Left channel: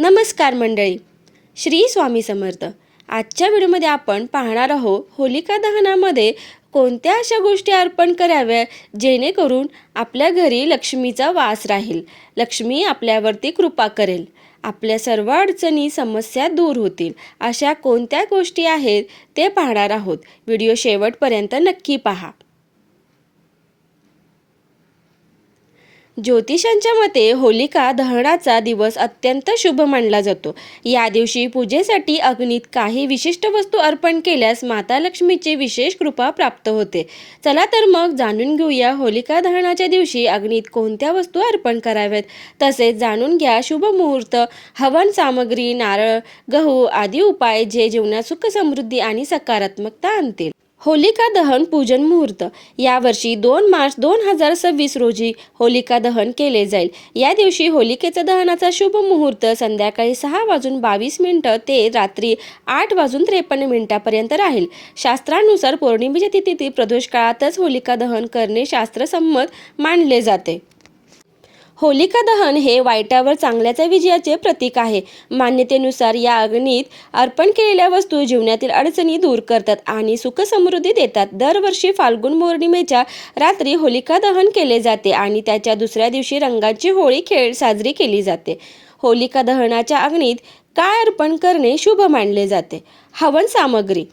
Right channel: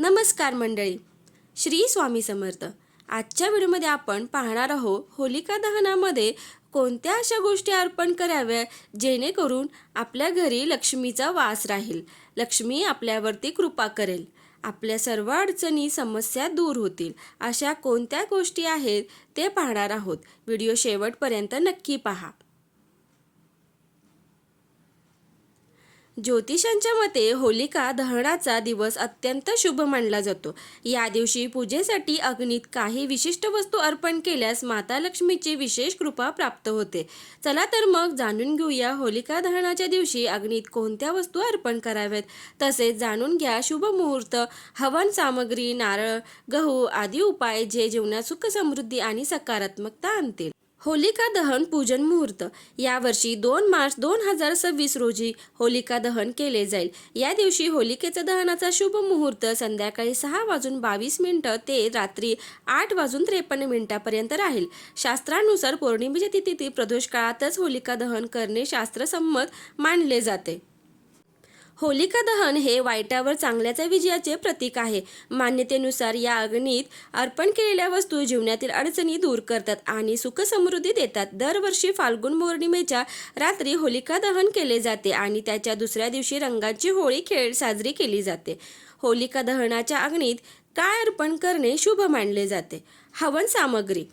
नमस्कार मंडळी, श्री स्वामी समर्थ. आजच्या व्हिडिओमध्ये आपण पाहणार आहोत होलिका दहनामध्ये कोणत्या अशा गोष्टी अर्पण कराव्या जेणेकरून आपल्या घरी लक्ष्मीचा वास राहील, लक्ष्मी आपल्यावरती कृपा करेल, आपल्या सर्व अडचणी समस्या दूर होतील. अशा कोणत्या गोष्टी आहेत ते पाहणार आहोत. व्हिडिओ शेवटपर्यंत नक्की पहा. ज्योतिषांच्या मते होलिका दहनाचा दिवस अत्यंत शुभ मानला जातो. या दिवशी पूजेसाठी अग्नीत काही विशिष्ट वस्तू अर्पण केल्यास माता लक्ष्मीची विशेष कृपा प्राप्त होते. चला तर मग जाणून घेऊया होलिका दहनाच्या दिवशी अग्नीत कोणत्या वस्तू अर्पण कराव्यात. तसेच जाणून घ्या शुभ मुहूर्त, हवन सामग्री, नारळ, गहू आदी उपाय जे जीवनात सुख समृद्धी आणि सकारात्मकता आणतील. होलिका दहन पूजन मुहूर्त. यावर्षी 2 मार्च 2026 रोजी होलिका दहन केले जाईल. या दिवशी होलिकेचा दहनाचा शुभ मुहूर्त संध्याकाळी 6:22 ते रात्री 8:53 राहील. शास्त्रानुसार पौर्णिमेच्या तिथी प्रदोष काळातच होलिका दहन करणे शास्त्रसंमत मानले जाते. होलिका दहन हे वाईटावर चांगल्याच्या विजयाचे प्रतीक आहे. मान्यतेनुसार या अग्नीत अर्पण केलेल्या वस्तू जीवनातील अडचणी दूर करतात आणि सुख समृद्धी देतात. दरवर्षी फाल्गुन पौर्णिमेच्या रात्री होलिका दहन केले जाते आणि त्याच्या दुसऱ्या दिवशी रंगाची होळी साजरी केली जाते. होलिका दहनाच्या अग्नीत काय अर्पण करणे शुभ मानले जाते? हवन सामग्री.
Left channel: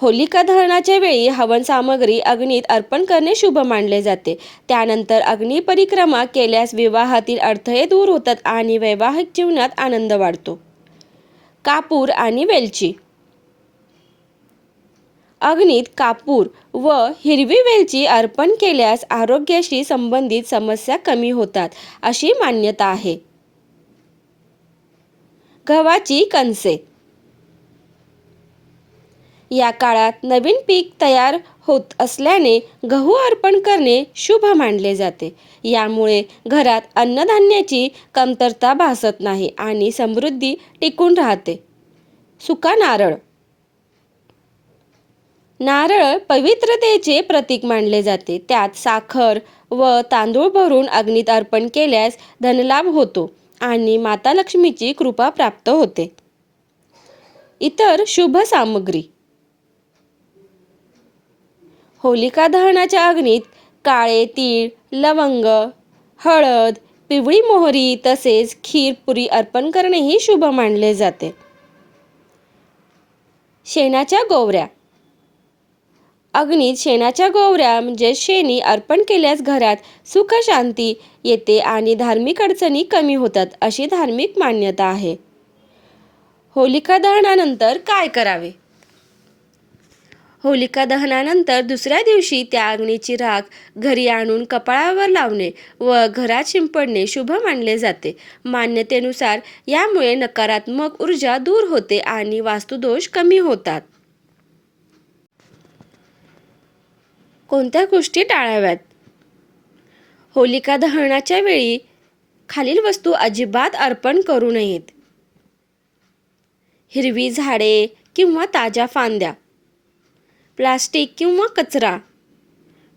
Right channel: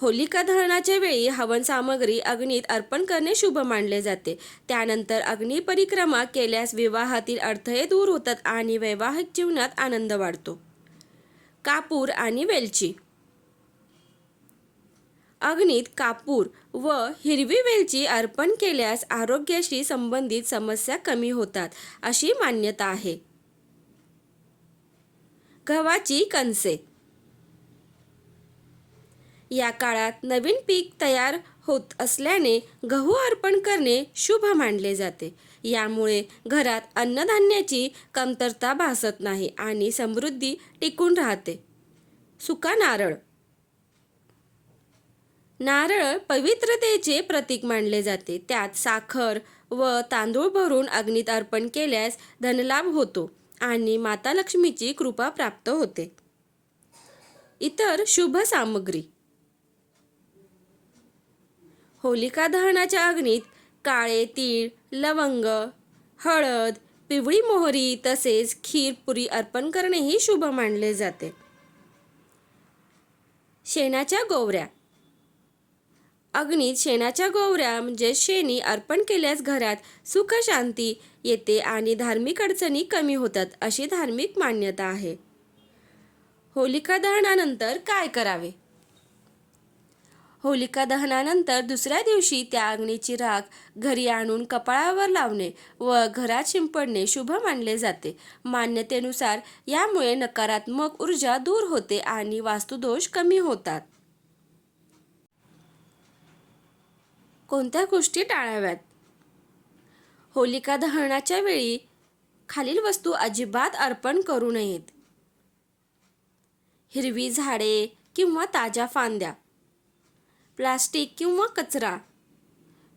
होलिका दहनाच्या वेळी हवन सामग्री अग्नीत अर्पण करणे शुभ मानले जाते. त्यानंतर अग्नी परिक्रमा केल्यास विवाहातील अडथळे दूर होतात आणि वैवाहिक जीवनात आनंद वाढतो. कापूर आणि वेलची. अग्नीत कापूर व हिरवी वेलची अर्पण केल्यास आरोग्याशी संबंधित समस्या कमी होतात अशी मान्यता आहे. गव्हाची कणसे. या काळात नवीन पीक तयार होत असल्याने गहू अर्पण करणे शुभ मानले जाते. यामुळे घरात अन्नधान्याची कमतरता भासत नाही आणि समृद्धी टिकून राहते. सुका नारळ. नारळ पवित्रतेचे प्रतीक मानले जाते. त्यात साखर व तांदूळ भरून अग्नीत अर्पण केल्यास धनलाभ होतो आणि माता लक्ष्मीची कृपा प्राप्त होते. इतर शुभ सामग्री. होलिका दहनाच्या अग्नीत काळे तीळ, लवंग, हळद, पिवळी मोहरी तसेच खीर पुरी अर्पण करणेही शुभ मानले जाते. शेणाच्या गोवऱ्या. अग्नीत शेणाच्या गोवऱ्या म्हणजे शेणी अर्पण केल्यास घरात सुख शांती येते आणि धार्मिक अडचणी कमी होतात अशी धार्मिक मान्यता आहे. होलिका दहनानंतर काय करावे? होलिका दहनानंतर दुसऱ्या दिवशी त्या अग्नीची राख घरी आणून कपाळावर लावणे व घरात शिंपडणे शुभ मानले जाते. मान्यतेनुसार यामुळे नकारात्मक ऊर्जा दूर होते आणि वास्तुदोष कमी होतात. कोणत्या गोष्टी टाळाव्यात? होलिका दहनाच्या वेळी खालील वस्तू अजिबात अर्पण करू नयेत. हिरवी झाडे किंवा ताज्या फांद्या, प्लास्टिक किंवा कचरा,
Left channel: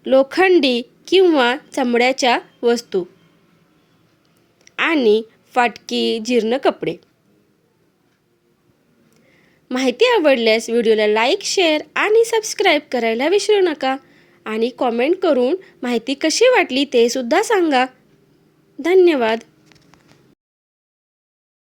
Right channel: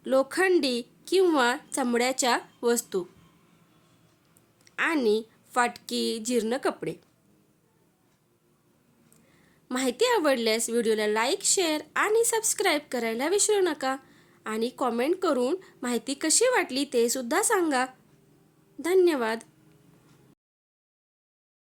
लोखंडी किंवा चमड्याच्या वस्तू आणि फाटकी जीर्ण कपडे. माहिती आवडल्यास व्हिडिओला लाईक, शेअर आणि सबस्क्राईब करायला विसरू नका आणि कॉमेंट करून माहिती कशी वाटली ते सुद्धा सांगा. धन्यवाद.